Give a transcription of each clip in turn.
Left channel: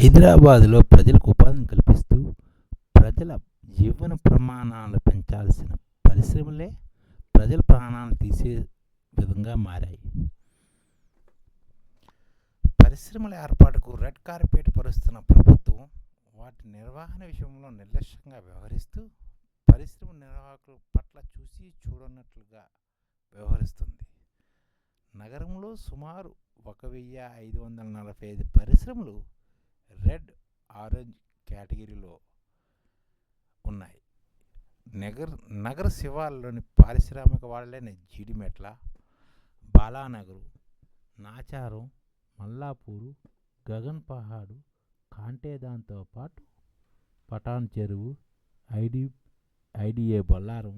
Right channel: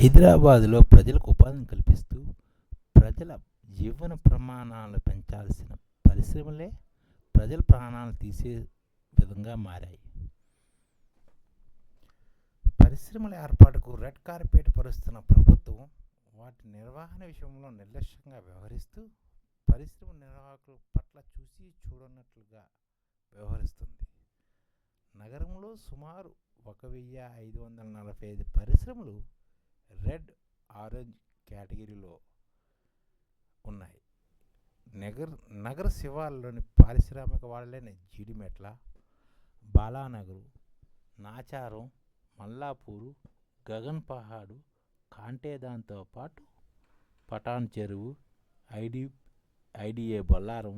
హైదరాబాదులో ప్రజలకు ఉపాధిని కల్పిస్తూ ప్రజల జీవన ప్రమాణాలు పెంచాల్సిన పరిశ్రమలే ప్రజల ప్రాణాలను తీసే విధంగా మారాయి. పరిశ్రమల ఏర్పాటుకు రెడ్ కార్పెట్ పరుస్తున్న ప్రభుత్వం వాటి నిర్వహణ విషయంలో నిర్లక్ష్యంగా వ్యవహరిస్తూ పరిశ్రమ నిర్వాహకుల పట్ల చూసి చూడనట్లుగా వ్యవహరిస్తుంది. నగరంలో సుమారు 1545 పరిశ్రమలు రెడ్, ఆరెంజ్ కేటగిరీలో ఉన్నాయి. నగర శివార్లలోని పారిశ్రామిక వాడలైన జీడిమెట్ల, బాలానగరు, నాచారం, మల్లాపూరు, గగన్ పహాడు, కాంటేదాన్తో పాటు పటాన్ చెరువు, ఐడిఏ బొల్లారం,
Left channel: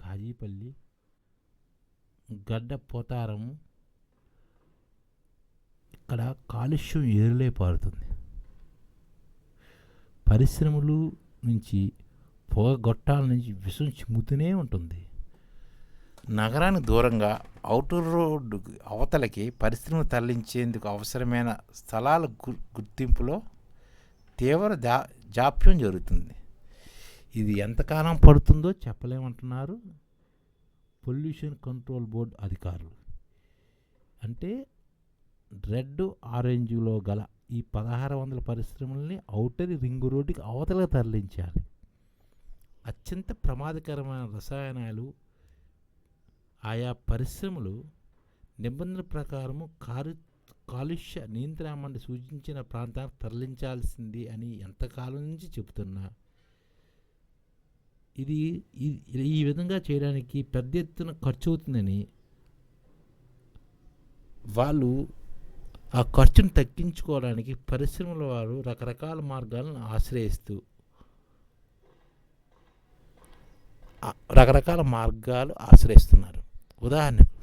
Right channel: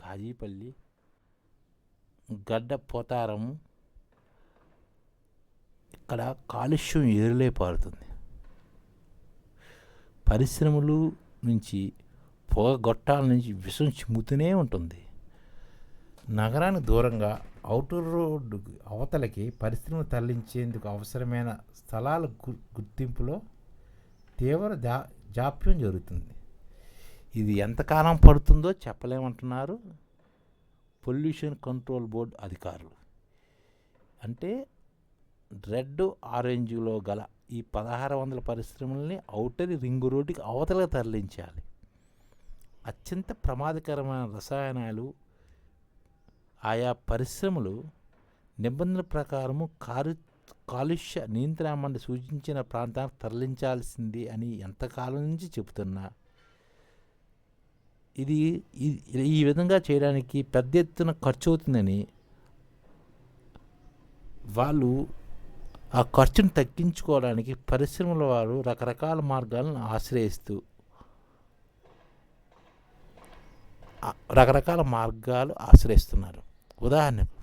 కాజీపల్లి, గడ్డ పోతారం ఇక్కడ కాలుష్యం ఏరులే పారుతుంది. పరిశ్రమలు నుంచి పొగ గొట్టాల నుంచి విషం చిమ్ముతూనే ఉంటుంది. నగరానికి దూరంగా ఔటర్ రోడ్డు అవతలకి పరిశ్రమలు తరలించేందుకు అవసరమైన స్థలాల గుర్తింపులో తీవ్ర జాప్యం జరుగుతుంది. ఇది ఎంతకాలం పడుతుందో చెప్పలేమంటున్నారు పొల్యూషన్ కంట్రోల్ బోర్డు అధికారులు. అంటే రెడ్, ఆరెంజ్లో గల ఈ 1600 పరిశ్రమల్ని ఔటర్ రింగ్ రోడ్డుకి అవతలకు తరలించాలి. అత్యంత ప్రమాదకరమైన రసాయనాలు ఆయా పరిశ్రమలు నిబంధనల ప్రకారము కాలుష్య నియంత్రణ మండలి సూచించిన ప్రాంతానికి తరలించాల్సింది అని ఎంతకాలం నుంచి చెబుతున్నా ఇది ఈ విధంగా చేయడానికి పెద్ద ఎత్తున ఖర్చు అవుతుందని వాళ్ళు ఆ ఖర్చును తగ్గించుకోవడానికి పరిశ్రమల వారు రకరకాల మార్గాలను ఆశ్రయిస్తున్నారు. ఉదాహరణకు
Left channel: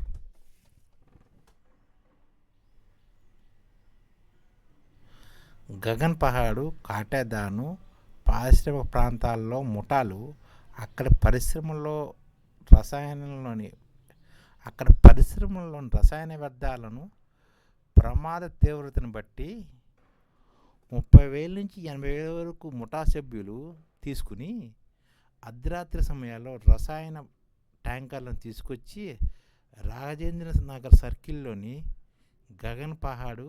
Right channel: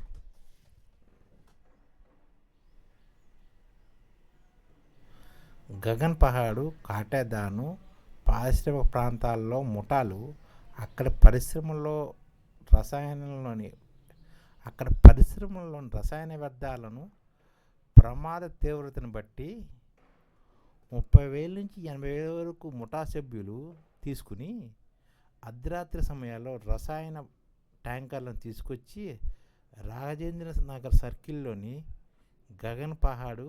గగన్ పహాడు, కాటేదాను పారిశ్రామిక ప్రాంతాల్లో ముఠాలు అక్కడ పరిశ్రమల్లోని రసాయన వ్యర్థాలను ప్రమాద తీవ్రతను బట్టి 30,000 నుంచి 80,000 వరకు ముఠా సభ్యులు తీసుకుని అర్ధరాత్రి సమయాల్లో రసాయన ట్యాంకర్లను తీసుకొచ్చి రాజేంద్ర నగర్ సర్కిల్లోని గగన్ పహాడు,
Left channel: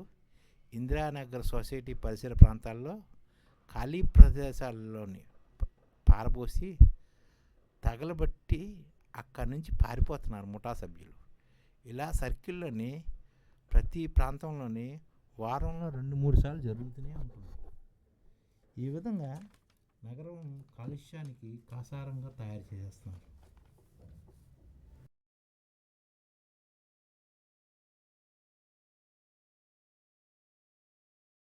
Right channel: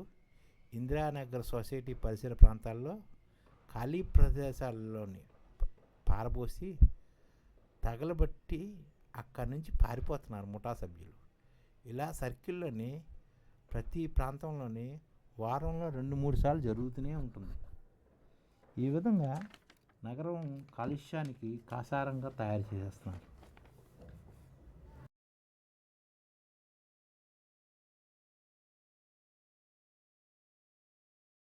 ఇందిరానగర్ సొసైటీ పరిసర ప్రాంతాల్లో ఖాళీ ప్రదేశాల్లోని పారబోసి తగలబట్టి అక్కడి నుంచి పారిపోతున్నారు ముఠా సభ్యులు. ఇలా సర్కిల్లోని ప్రతి ప్రాంతంలోని వారంలో 2-3 సార్లు జరుగుతూనే ఉంటుంది. ఈ విధంగా నగరం కాలుష్యానికి కాసారంగా తయారు చేస్తున్నారు.